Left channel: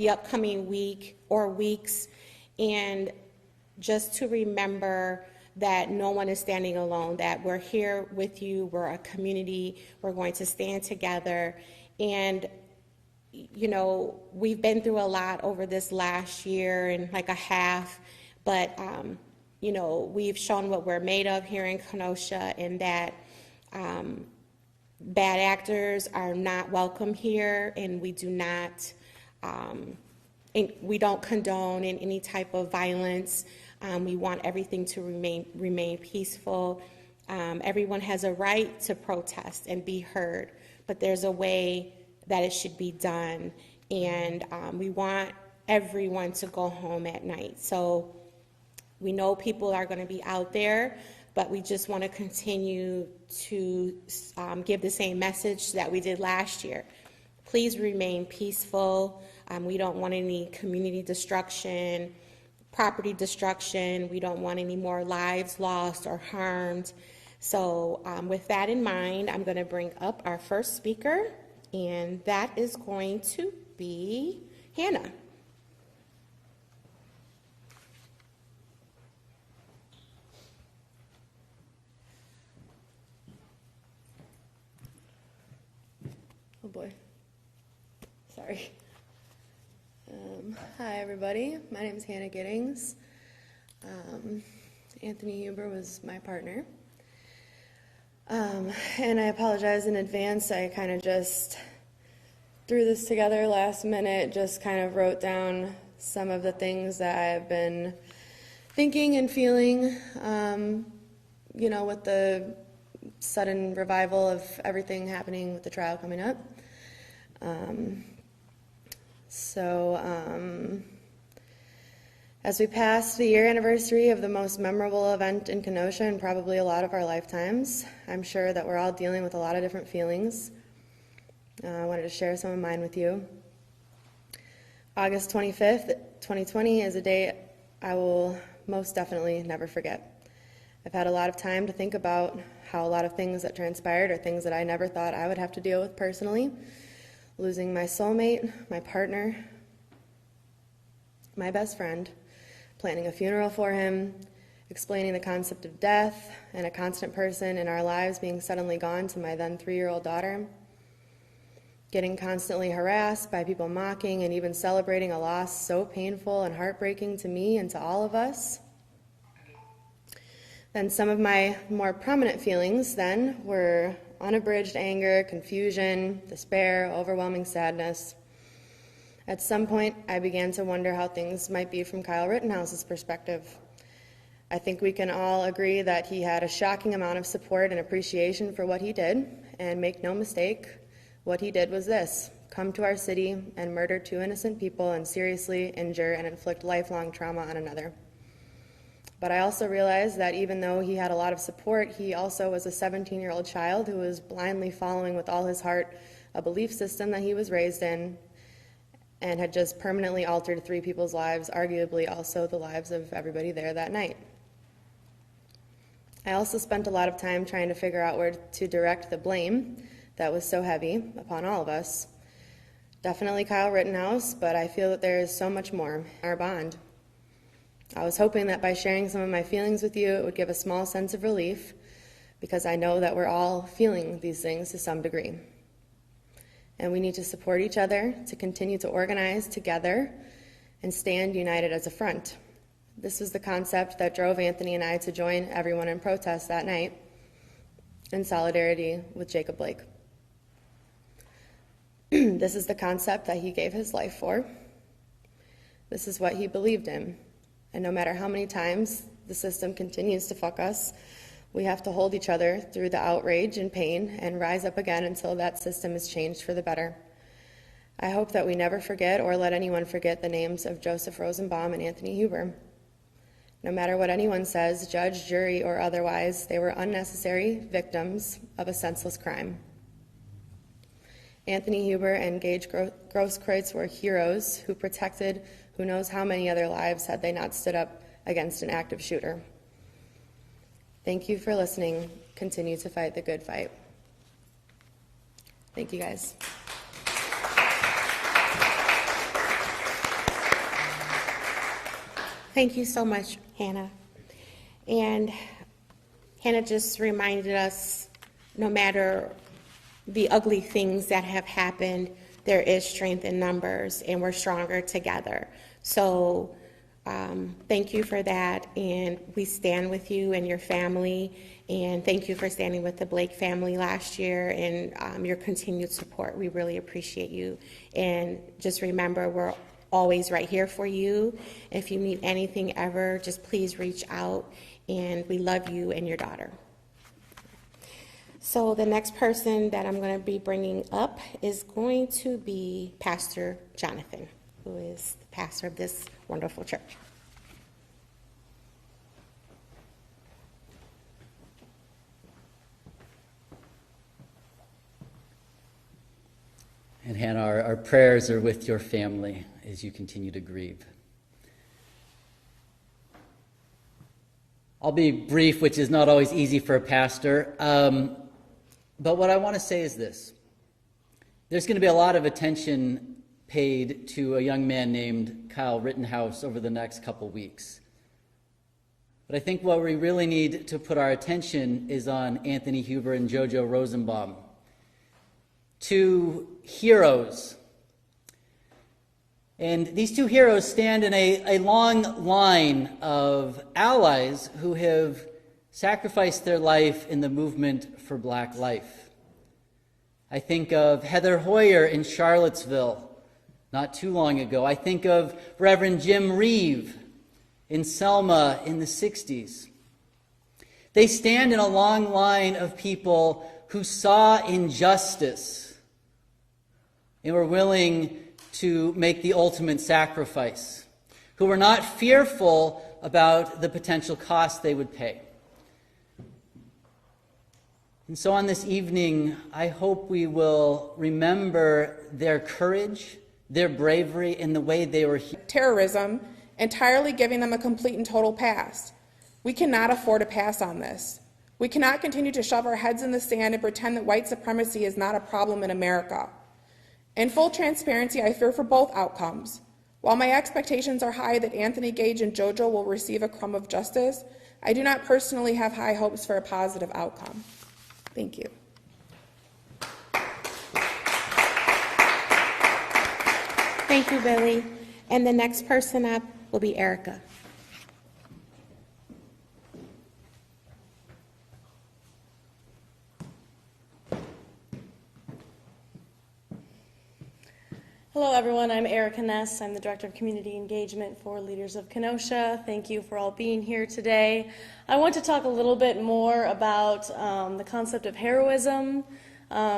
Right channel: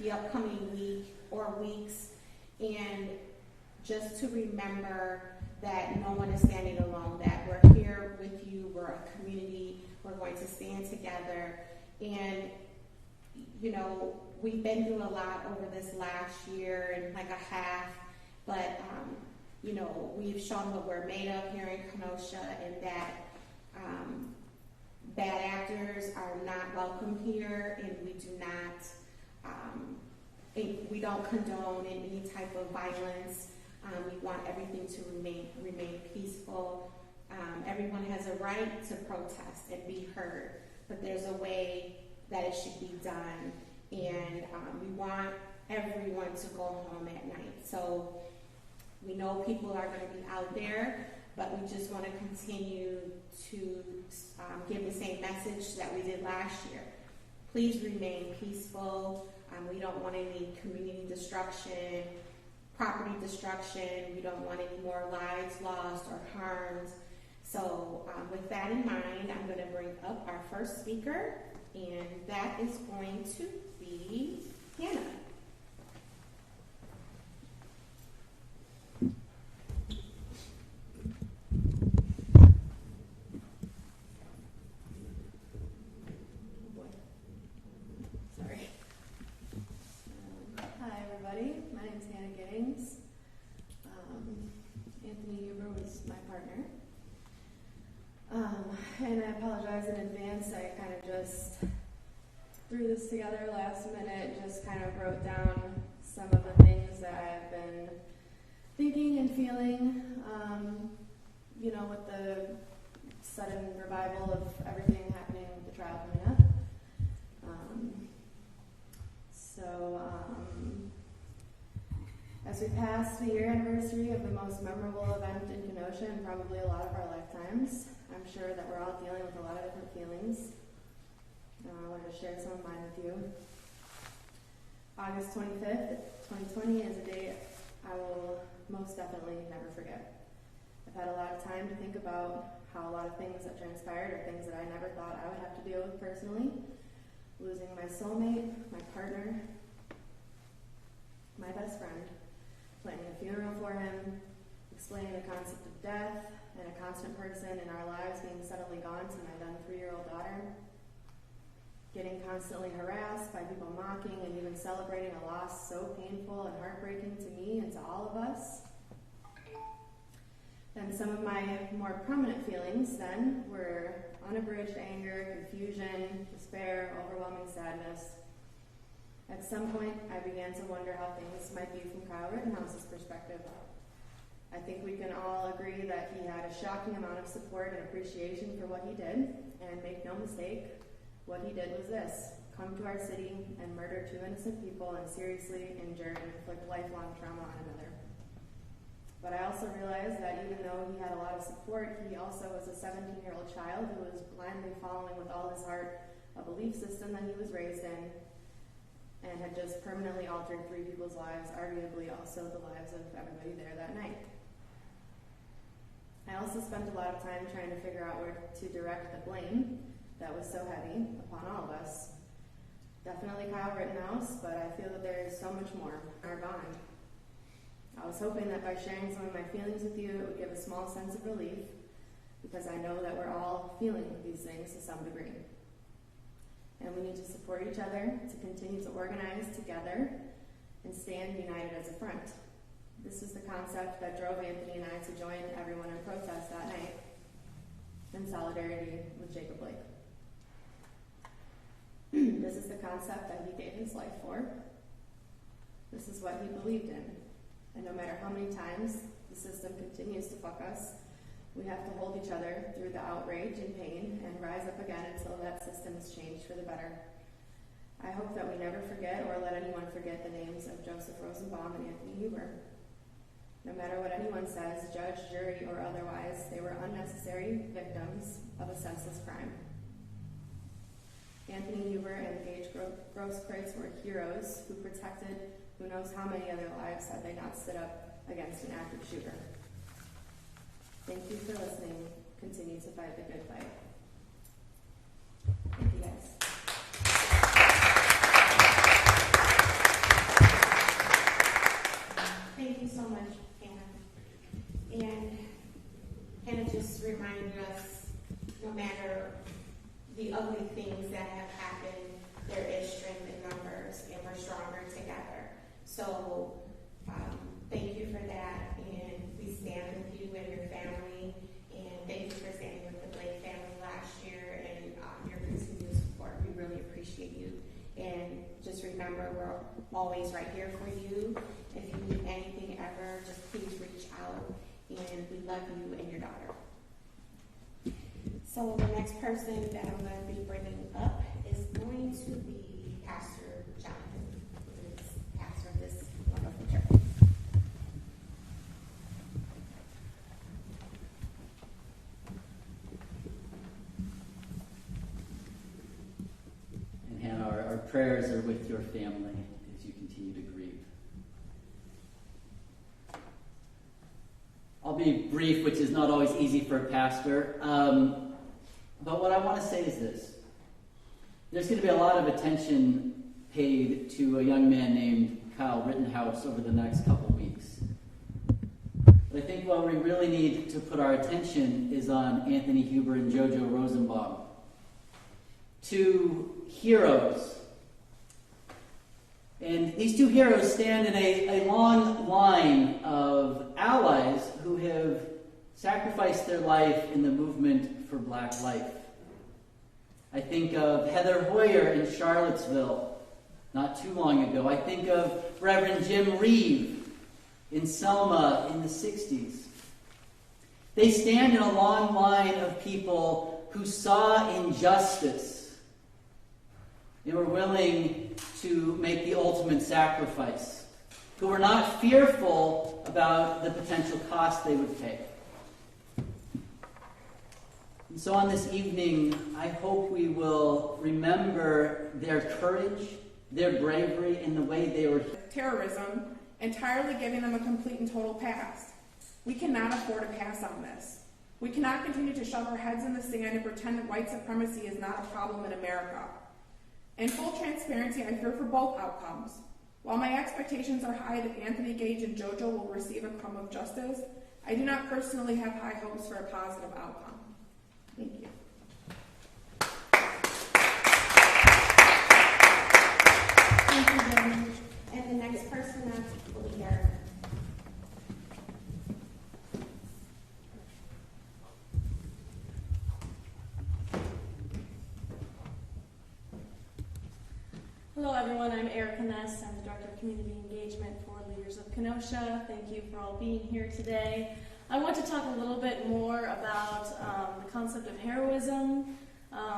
the upcoming week or weeks, and just to remember that no one is standing alone, that we're here with you, we're a community, we're going to stand together. And you know, we've been through a lot over this last year and like a half, but you know, we've shown what we're made of here in Kenosha, and that bad actors are not welcome here, and we do not, and we don't condone in any type of violence. We want everything to remain peaceful. Everyone has a right to protest and be heard, but there's a way that it should be done, and we want everyone to go home at night. So we know people are going to be out there, but we just want to continue to give the same message that we did last year. Please remain peaceful. We don't want any community destruction, property destruction. We don't want any more lives lost or harmed. So with that in mind, I'm going to bring up our first speaker, and that is going to be Hannah. Oh boy. Sorry. Hi everybody, my name is Hannah Giddings. Anthony Huber was my partner. And I apologize in advance, I kind of just threw this together last minute, just kind of wrote down some of the things that I've been thinking and feeling, you know, with the sudden revival of everything happening with the trial coming up. As we pass the year anniversary of the most memorable event in Kenosha and probably a lot of our lifetimes, I'm sure that we're all dealing with a lot of different feelings. I wanted to share some of mine with you. August 25th, 2020 is a day I will most definitely never forget. I've had a lot of time to think about how a lot of things that transpired are things that I never thought I would have to deal with personally. Losing my soulmate, my partner, my best friend, planning a funeral for him, explaining the concept of death, and a constant person in our lives being suddenly gone to my then 3-year-old daughter, getting constantly harassed by people mocking and even celebrating a loss so painful and heartbreaking to me and to all of us. Then some of my more prominent feelings then were unabridged anger, confusion, despair, overwhelming sadness. At some point, I began to wonder how things might be from Kyle Rittenhouse's perspective. I think we can all agree that he had a shocking amount of support and appreciation for what he did, and make no mistake, what he did was this: come to our city and murder 2 innocent people and seriously injure and inflict lifelong trauma on another. But I also realized that even though he had a lot of support, he also was a 17-year-old child who was blindly following with all his heart a belief system that he was raised in, and had just permanently altered 3 people's lives, arguably also the lives of everybody there that night. I also spent a lot of time trying to figure out where to direct the blame that was so heavy upon all of us. Definitely Kyle Rittenhouse, but I feel that there is so much more, our bond. I was hoping that by sharing some of my feelings with you, it would give a small sense of relief, because I know that we're all feeling these things to some degree. And we need to support each other to continue to organize together and stand united as a front. This was the concept that drove Anthony and I to join everyone in protest that night in solidarity with Jacob Blake. This is the concept that he gave his life for. This is what he believed in. And no matter how many times the system continues to fuck us, we have to hold each other through the outrage and pain and rise up again until that system is changed for the better. I hope that we never forget or let anyone forget the names of Joseph Rosenbaum and Anthony Huber. No matter what anyone says, judge, jury, or otherwise, they were unnecessary victims of a senseless crime. Anthony Huber and Gage Grosskreutz were heroes who protected who knows how many other lives had they not stood up against an active shooter. Thank you for listening. Continue to fight the good fight. Thank you, guys. Thank you so much, Hannah. And Hannah just reminded us, no matter the ugly things that have happened, there is strength in numbers, and we're stronger together. So thank you for that, and we stand with you and your family, and thank you for standing with the Blake family last year and your continued support. We really appreciate you, and just remember, we're always right here for you. If you need anything ever, just please reach out, and we love you and your daughter. So the next person that I'm going to be bringing up is going to be Pastor Jonathan, who is the pastor of this wonderful church. And Hannah, our prayers are with your family as you continue to grieve. I'll be brief, which is not always easy for a pastor. But what I want to say is this. There's going to be a lot of attention paid to a young man named Kyle Rittenhouse over the next couple weeks. But I think what we really need to put our attention is on Anthony Huber and Jojo Rosenbaum. Two heroes. And these two heroes stand in a long line of allies who have sacrificed their life in the movement for Black life. I think of Heather Hoyer in Charlottesville not too long ago. I think of Reverend Jim Reeve in Selma in the 60s. They stand in a long line of people who saw injustice and were willing to make the ultimate sacrifice, who were not fearful about the potential cost they would pay. And so on this evening, I hope we will remember their courage, their bravery, and the way they were terrorism, entirely giving them a complete and total pass. We cannot afford a pass on this. We cannot continue to shove our heads in the sand and pretend that white supremacy is not a problem in America. In full transparency, I fear for both outcomes. While my expectations are high that Anthony Gage and JoJo will receive a crumb of justice, I do not personally have high hopes for a positive outcome. Thank you. Thank you, Billy. And the next person up will be Erica. Hello everyone, I'm Erica Ness. I'm the Director of Community Engagement for Leaders of Kenosha. Thank you for all being here today. I want to talk a little bit more about the concept of heroism,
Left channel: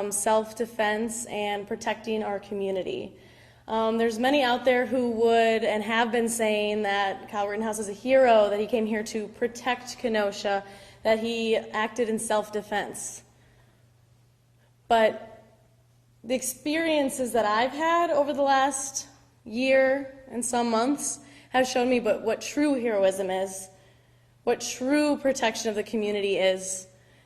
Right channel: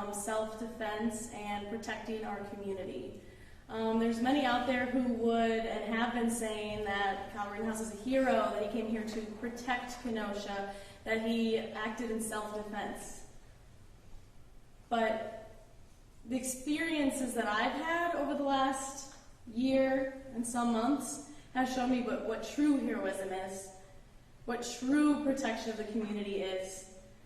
self-defense, and protecting our community. There's many out there who would and have been saying that Kyle Rittenhouse is a hero, that he came here to protect Kenosha, that he acted in self-defense. But the experiences that I've had over the last year and some months have shown me what true heroism is, what true protection of the community is,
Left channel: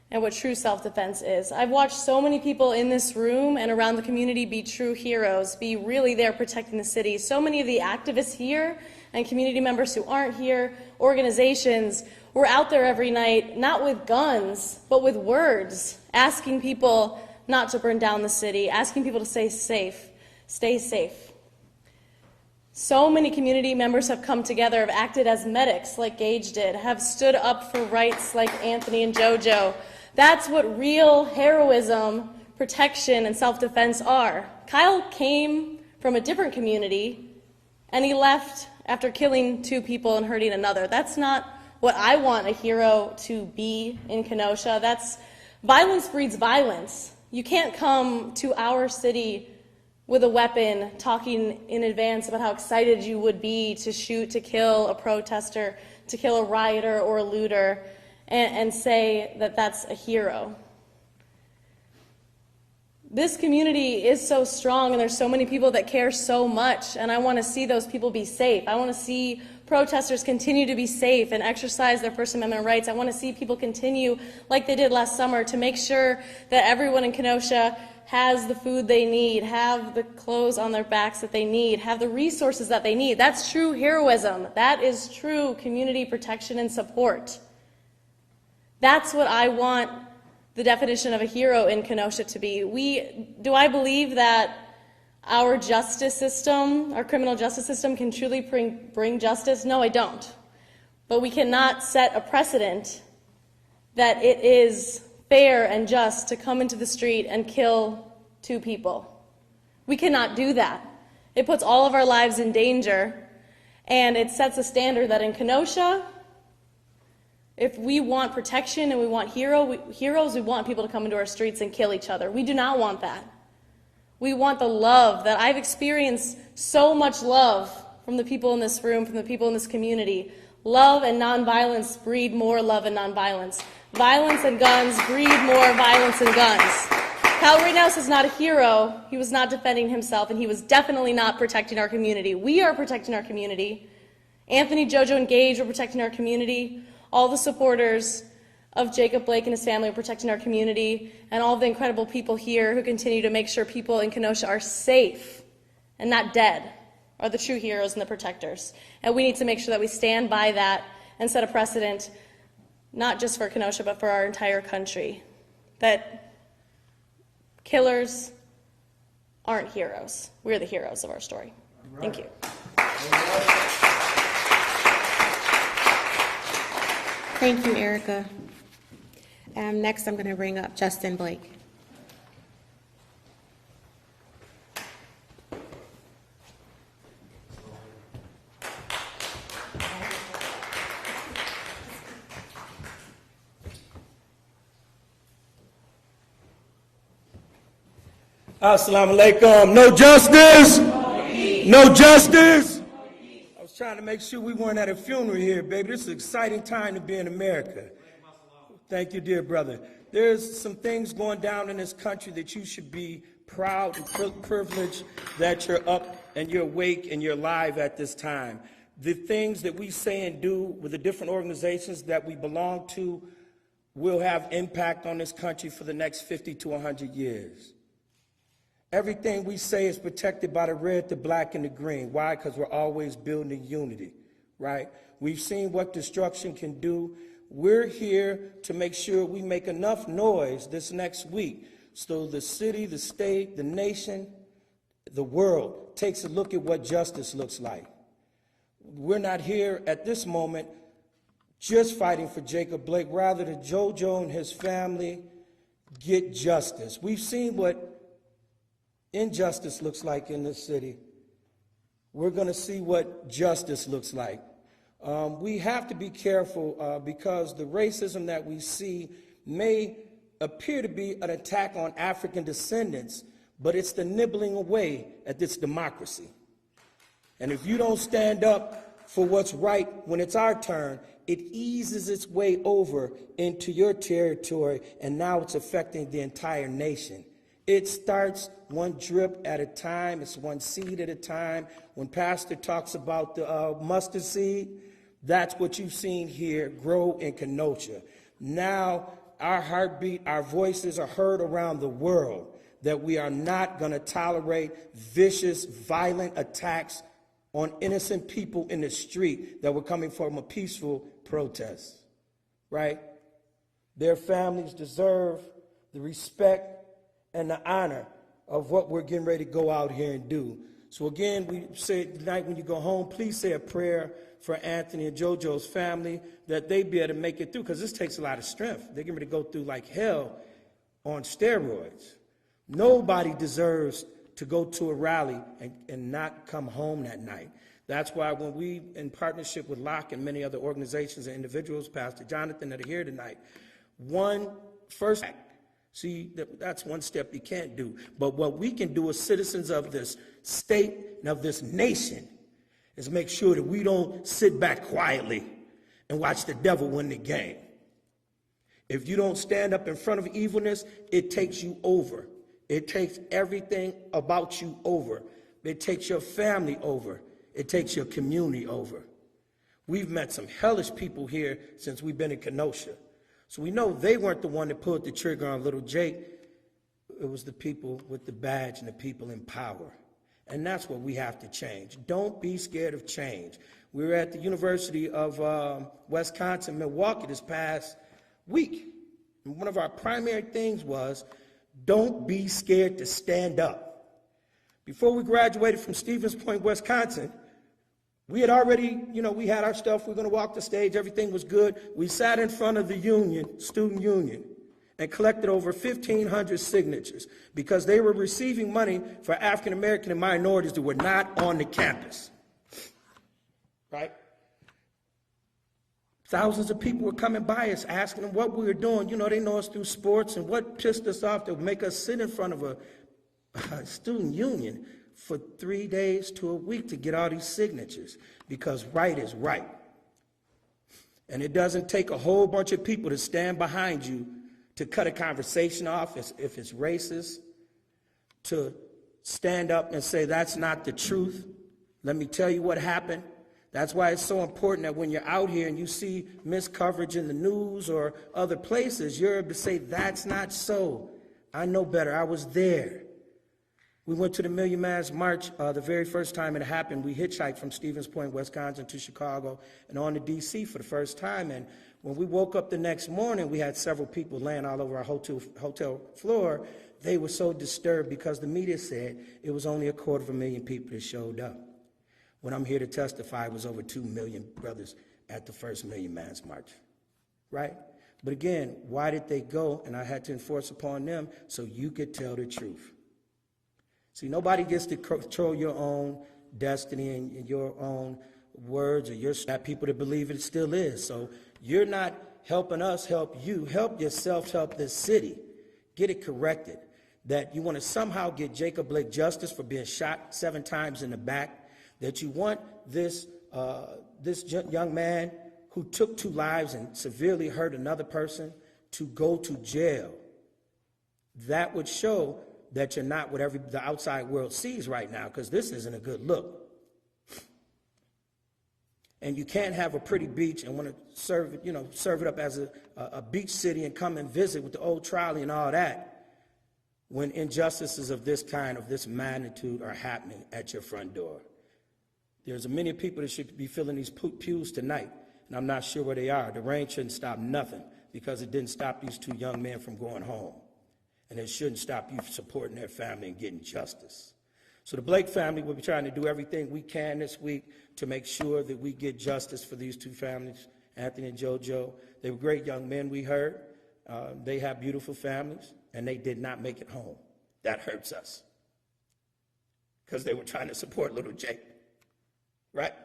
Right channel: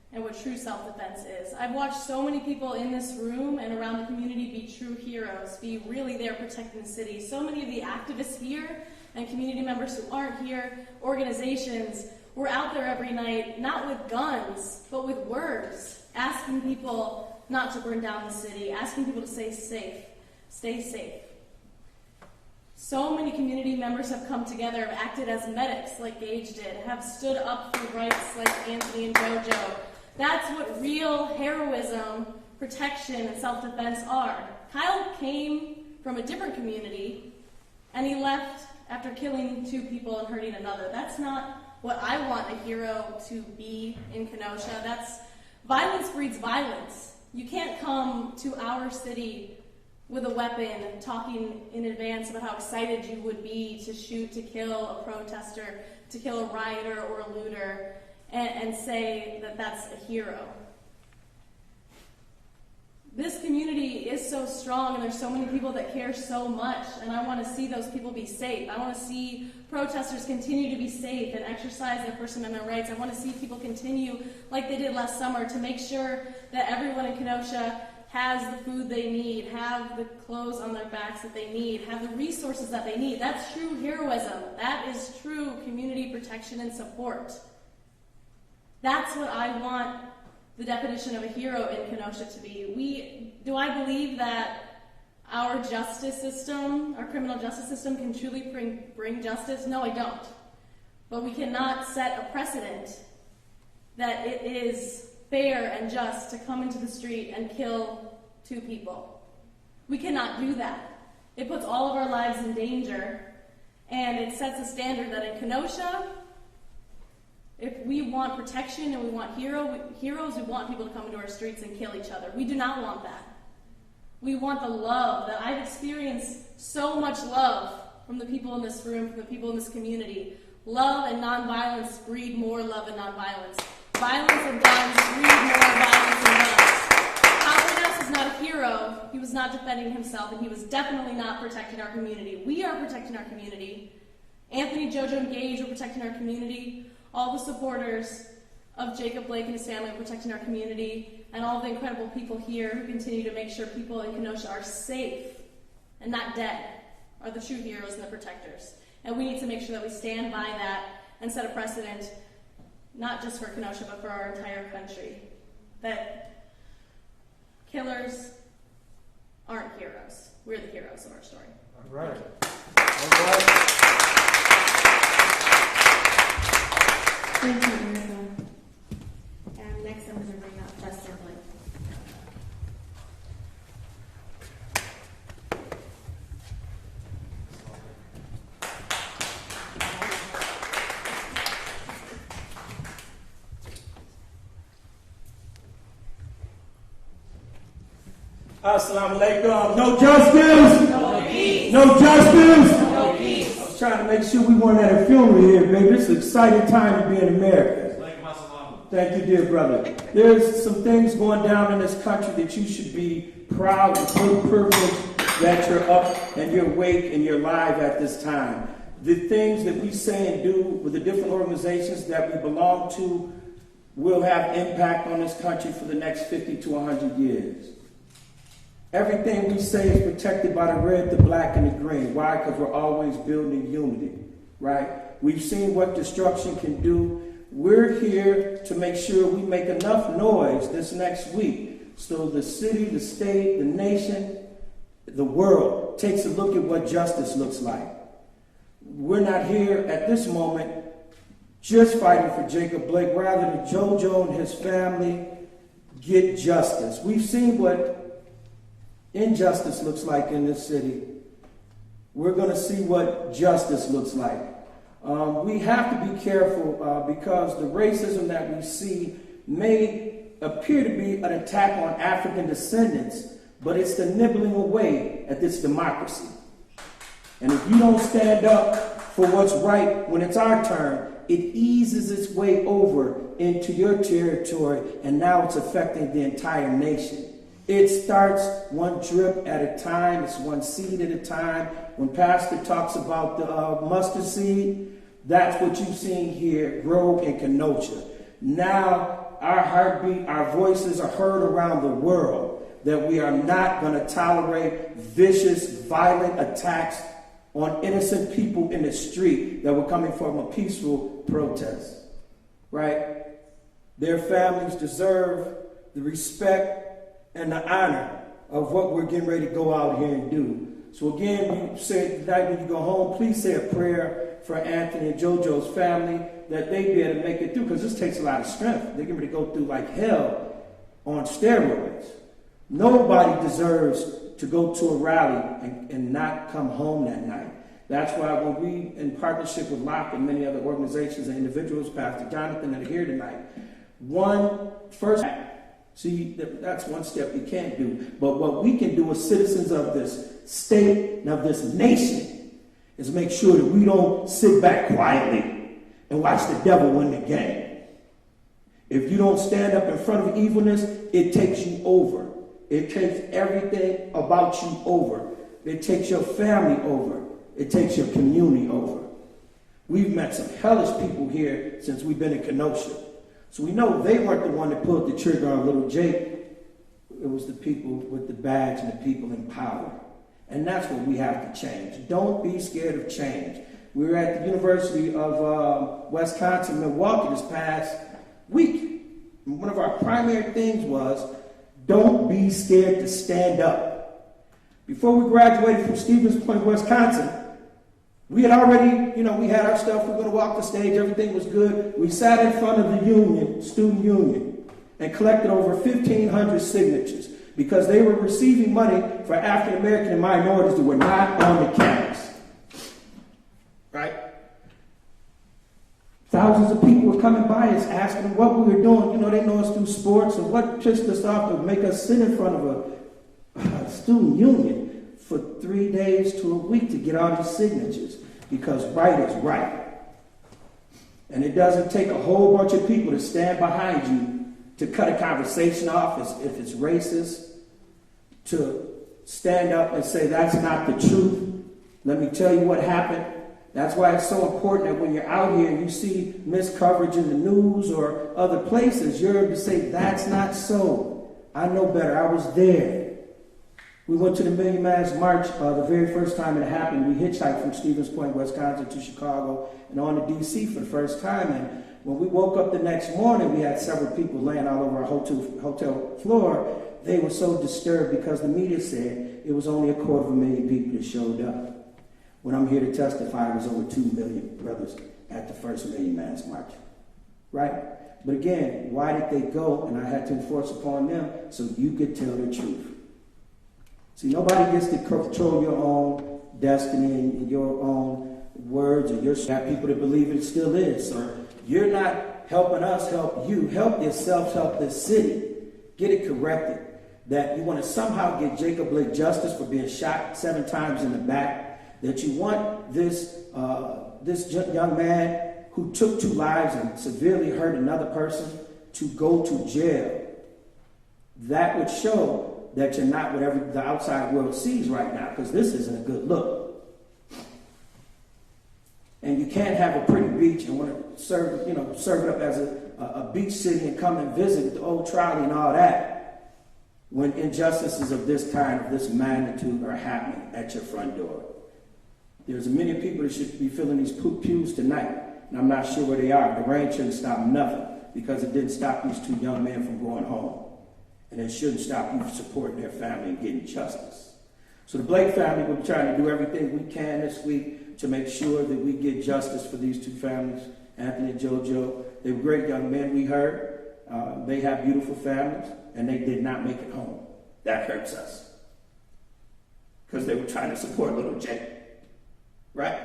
and what true self-defense is. I've watched so many people in this room and around the community be true heroes, be really there protecting the city. So many of the activists here and community members who aren't here, organizations, were out there every night, not with guns, but with words, asking people not to burn down the city, asking people to stay safe, stay safe. So many community members have come together, have acted as medics like Gage did, have stood up for rights like Anthony and JoJo. That's what real heroism, protection, and self-defense are. Kyle came from a different community, and he left after killing 2 people and hurting another. That's not what I want a hero to be in Kenosha. Violence breeds violence. You can't come to our city with a weapon talking in advance about how excited you would be to shoot, to kill a protester, to kill a rioter or a looter, and say that that's a hero. This community is so strong, and there's so many people that care so much, and I want to see those people be safe. I want to see protesters continue to be safe and exercise their First Amendment rights. I want to see people continue, like they did last summer, to make sure that everyone in Kenosha has the food they need, have the clothes on their backs that they need, have the resources that they need. That's true heroism. That is true community protection and support. That's what I want the definition of a hero in Kenosha to be. Do I believe that our justice system, our criminal justice system, can truly bring justice? No, I don't. But we cannot set a precedent that it is fair and just to come into the street and kill 2 people. We cannot do that. It puts all of our lives in danger, and it sets a standard that in Kenosha, if we want protection and we want heroes, we want people to come into our streets and kill each other. We do not want that. We want the love that I've experienced, so much love from the people in this room, from the people in this community. Love and nonviolence breed more love and nonviolence. Violence and guns breed more violence and guns. Kyle Rittenhouse is not a hero. He was not defending himself, and he was definitely not protecting our community. We are protecting our community. Anthony, Jojo, and Gage are protecting our community. All the supporters of Jacob Blake and his family are protecting our community, and all the incredible people here who continue to make sure people in Kenosha are safe and not dead are the true heroes and the protectors. And we need to make sure that we stand by that and set a precedent, not just for Kenosha, but for our entire country, that killers aren't heroes. We're the heroes of our story. Right. Thank you. Thank you, Erica. Next, I'm going to bring up Justin Blake. Assalamu alaikum. No justice? No peace. No justice? No peace. I was trying to make sure we weren't at a funeral here, baby. It's an exciting time to be in America. Thank you, dear brother. There's some things going down in this country that you should be proud and feel privileged that you're up and you're awake and you're alive at this time. The things that we say and do with the different organizations that we belong to will have impact on this country for the next 50 to 100 years. Everything we say is protected by the red, the black, and the green. Why? Because we're always building unity, right? We've seen what destruction can do. We're here to make sure we make enough noise this next week so the city, the state, the nation, the world takes a look at what justice looks like. We're not here at this moment just fighting for Jacob Blake, rather that JoJo and his family get justice. We've seen what injustice looks like in this city. We're going to see what justice looks like. We have to be careful because the racism that we see may appear to be an attack on African descendants, but it's the nibbling away at this democracy. And if you don't stand up for what's right when it's our turn, it eases its way over into your territory, and now it's affecting the entire nation. It starts one drip at a time. It's one seed at a time. When Pastor talks about the mustard seed, that's what you've seen here grow in Kenosha. Now our heartbeat, our voices are heard around the world that we are not going to tolerate vicious, violent attacks on innocent people in the street that were coming from a peaceful protest, right? Their families deserve the respect and the honor of what we're getting ready to go out here and do. So again, we say tonight when you go home, please say a prayer for Anthony and JoJo's family that they be able to make it through, because this takes a lot of strength. They're getting ready to go through like hell on steroids. Nobody deserves to go to a rally and not come home that night. That's why when we, in partnership with Locke and many other organizations and individuals, Pastor Jonathan, that are here tonight, that's one step we can't do. But what we can do as citizens of this state and of this nation is make sure that we don't sit back quietly and watch the devil win the game. If you don't stand up in front of evilness, it takes you over. It takes everything about you over. It takes your family over. It takes your community over. We've met some hellish people here since we've been in Kenosha. So we know they weren't the one that pulled the trigger on little Jake. it was the people with the badge and the people in power. And that's what we have to change. Don't be scared of change. We were at the University of Wisconsin, Milwaukee this past week. And one of our primary things was, don't be scared to stand up. Before we graduated from Stevens Point, Wisconsin, we had already, we had our stuff, we were going to walk the stage, everything was good. We sat in front of the union, student union, and collected over 1,500 signatures because they were receiving money for African American and minorities that were not on the campus. Right? Thousands of people were coming by us asking what we were doing. They know us through sports, and what pissed us off to make us sit in front of a student union for 3 days to a week to get all these signatures, because right is right. And it doesn't take a whole bunch of people to stand behind you to cut a conversation off if it's racist, to stand up and say that's not the truth. Let me tell you what happened. That's why it's so important that when you're out here and you see miscoverage in the news or other places, you're able to say, that's not so. I know better. I was there. We went to the Million Man's March the very first time it happened. We hitchhiked from Stevens Point, Wisconsin to Chicago and on to D.C. for the first time. And when we woke up the next morning, we had several people laying all over our hotel floor. They were so disturbed because the media said it was only 250,000 people that showed up. When I'm here to testify, it was over 2 million brothers at the first Million Man's March. Right? But again, why did they go? And I had to enforce upon them so you could tell the truth. See, nobody gets to control your own destiny and your own words, or your people that believe it still is. So you're not helping us help you. Help yourself, help this city. Get it corrected. That you want to somehow get Jacob Blake justice for being shot 7 times in the back. That you want this young man who took 2 lives and severely hurt another person to go to jail. That would show that you're not what the outside world sees right now, because this isn't a good look. And you can't have a pretty beach and want to serve it up as a beach city and come and visit with the old trolley and all that, when injustices of this kind, of this magnitude, are happening at your front door. There's many people that should be filling these pews tonight, and I'm not sure where they are. The rain shouldn't stop nothing, because it didn't stop these 2 young men from going home. And it shouldn't stop you from supporting their family and getting justice. So the Blake family will be trying to do everything we can this week to make sure that we get justice for these 2 families, Anthony and JoJo. They were great young men, we heard. They have beautiful families, and they did not make it home. That hurts us, because they were trying to support little Jake. Right?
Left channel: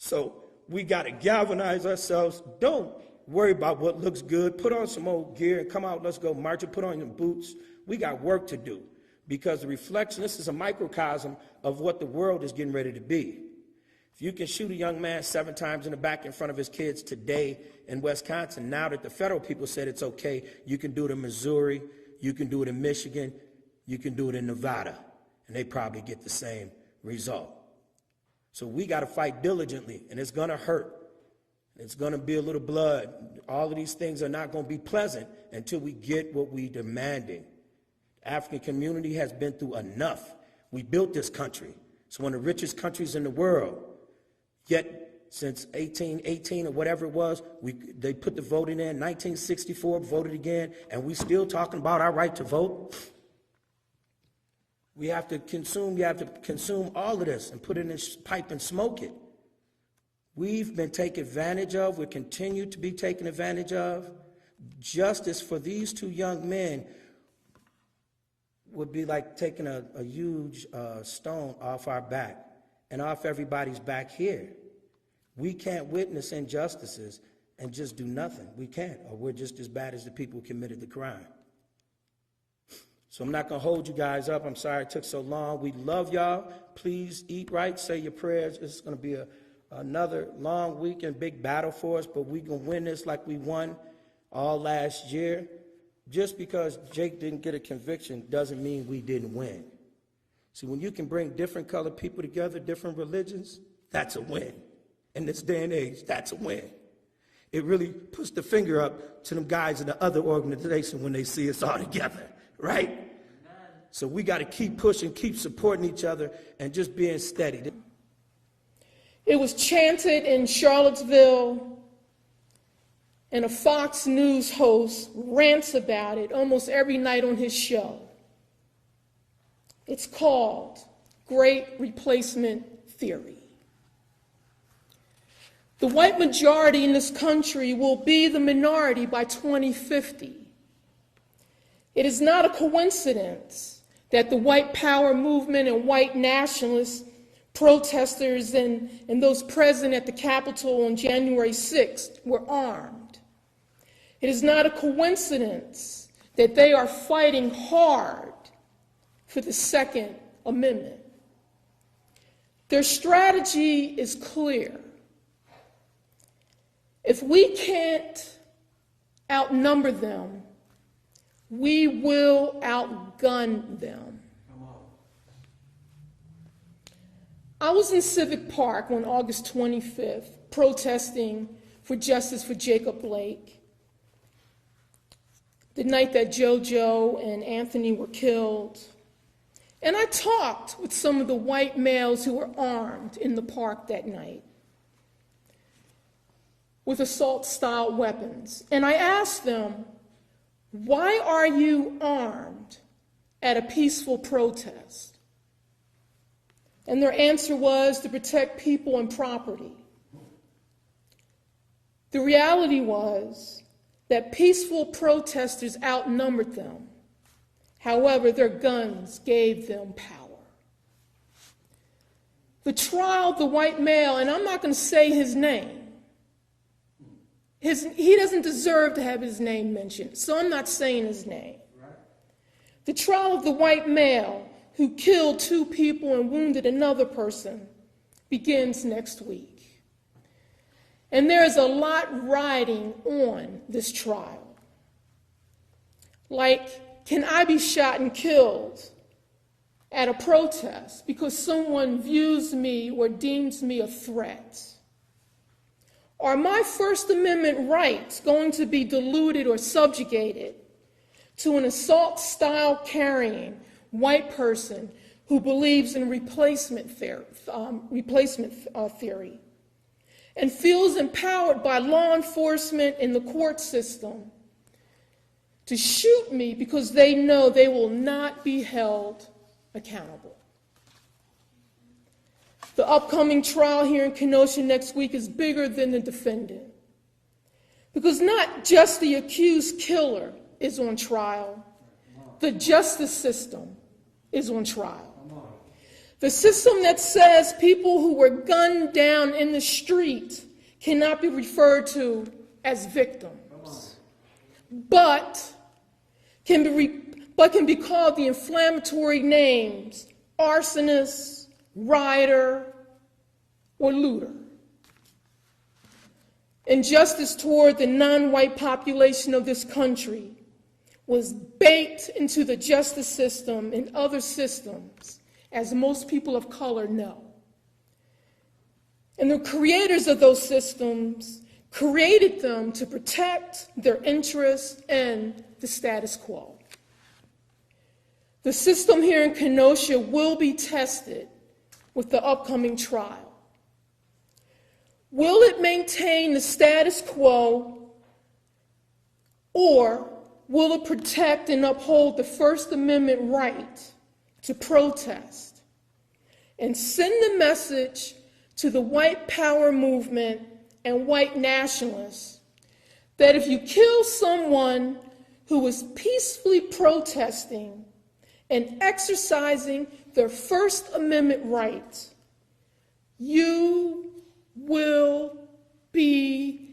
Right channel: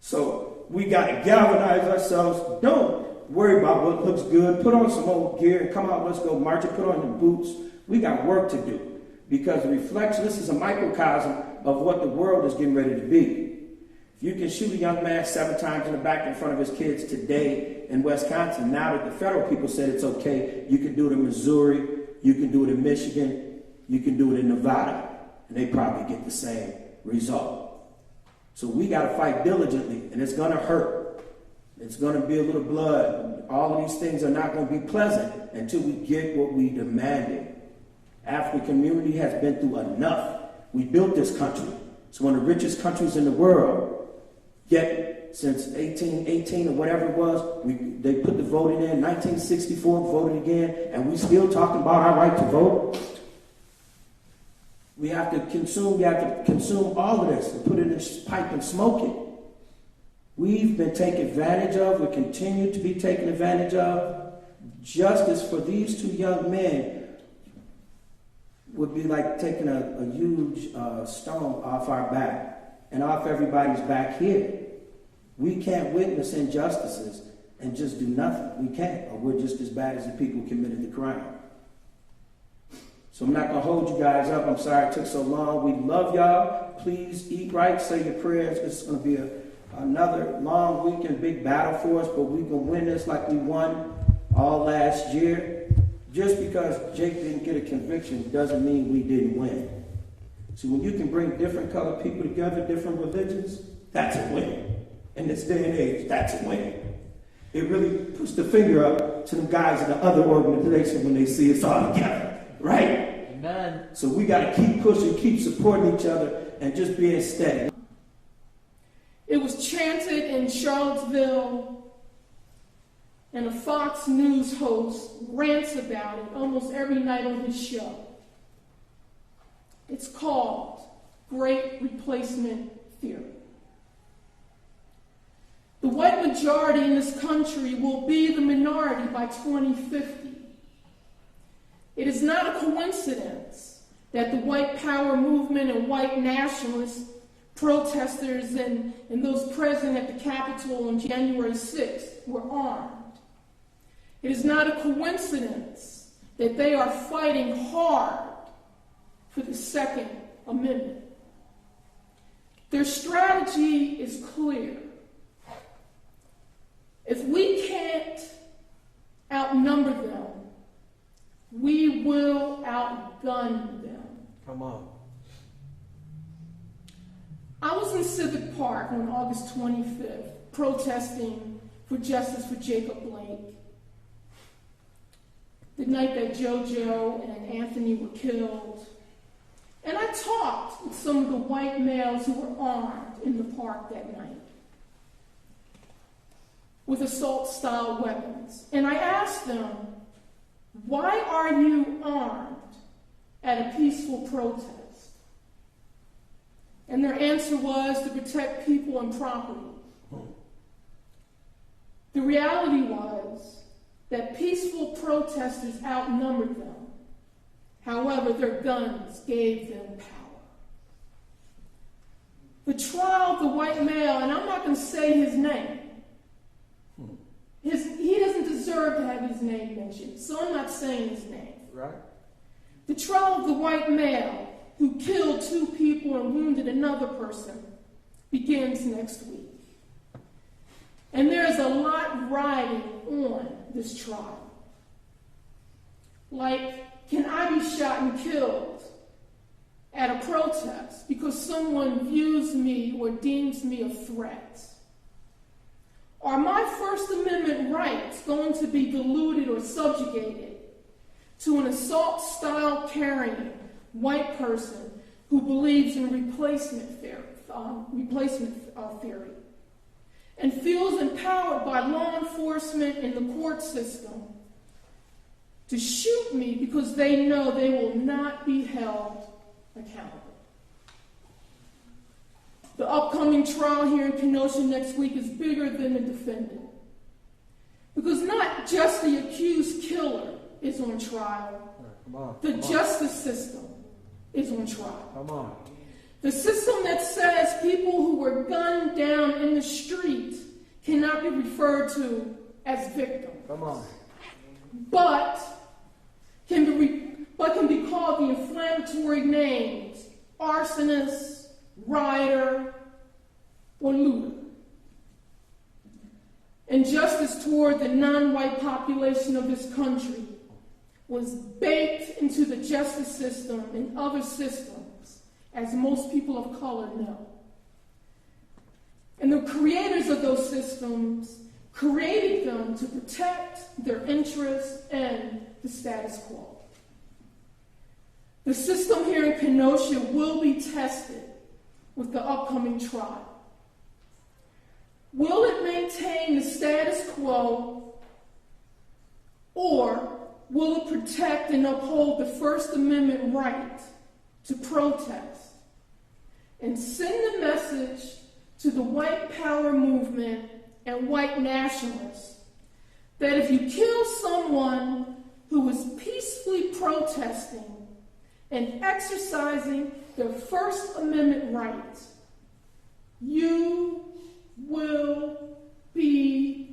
So we got to galvanize ourselves. Don't worry about what looks good. Put on some old gear and come out, let's go march it. Put on your boots. We got work to do, because the reflection, this is a microcosm of what the world is getting ready to be. If you can shoot a young man 7 times in the back in front of his kids today in Wisconsin, now that the federal people said it's okay, you can do it in Missouri, you can do it in Michigan, you can do it in Nevada, and they probably get the same result. So we got to fight diligently, and it's going to hurt. It's going to be a little blood. All of these things are not going to be pleasant until we get what we demanded. African community has been through enough. We built this country. It's one of the richest countries in the world. Yet, since 1818 or whatever it was, they put the voting in. 1964, voted again, and we still talking about our right to vote. We have to consume all of this and put it in this pipe and smoke it. We've been taken advantage of. We continue to be taken advantage of. Justice for these 2 young men would be like taking a huge stone off our back and off everybody's back here. We can't witness injustices and just do nothing. We can't, or we're just as bad as the people who committed the crime. So I'm not going to hold you guys up. I'm sorry it took so long. We love y'all. Please eat right, say your prayers. This is going to be another long week and big battle for us, but we're going to win this like we won all last year. Just because Jake didn't get a conviction doesn't mean we didn't win. See, when you can bring different colored people together, different religions, that's a win. In this day and age, that's a win. It really puts the finger up to them guys in the other organization when they see us all together, right? Amen. So we got to keep pushing, keep supporting each other, and just being steady. It was chanted in Charlottesville, and a Fox News host rants about it almost every night on his show. It's called Great Replacement Theory. The white majority in this country will be the minority by 2050. It is not a coincidence that the white power movement and white nationalist protesters and those present at the Capitol on January 6th were armed. It is not a coincidence that they are fighting hard for the Second Amendment. Their strategy is clear. If we can't outnumber them, we will outgun them. Come on. I was in Civic Park on August 25th protesting for justice for Jacob Blake, the night that JoJo and Anthony were killed. And I talked with some of the white males who were armed in the park that night with assault-style weapons. And I asked them, why are you armed at a peaceful protest? And their answer was to protect people and property. The reality was that peaceful protesters outnumbered them. However, their guns gave them power. The trial of the white male, and I'm not going to say his name, he doesn't deserve to have his name mentioned, so I'm not saying his name. Right. The trial of the white male who killed 2 people and wounded another person begins next week. And there is a lot riding on this trial. Like, can I be shot and killed at a protest because someone views me or deems me a threat? Are my First Amendment rights going to be diluted or subjugated to an assault-style carrying white person who believes in replacement theory and feels empowered by law enforcement and the court system to shoot me because they know they will not be held accountable? The upcoming trial here in Kenosha next week is bigger than the defendant, because not just the accused killer is on trial, the justice system is on trial. Come on. The system that says people who were gunned down in the street cannot be referred to as victims, Come on. but can be called the inflammatory names arsonist, rioter, or looter. Injustice toward the non-white population of this country was baked into the justice system and other systems, as most people of color know. And the creators of those systems created them to protect their interests and the status quo. The system here in Kenosha will be tested with the upcoming trial. Will it maintain the status quo, or will it protect and uphold the First Amendment right to protest and send the message to the white power movement and white nationalists that if you kill someone who is peacefully protesting and exercising their First Amendment right, you will be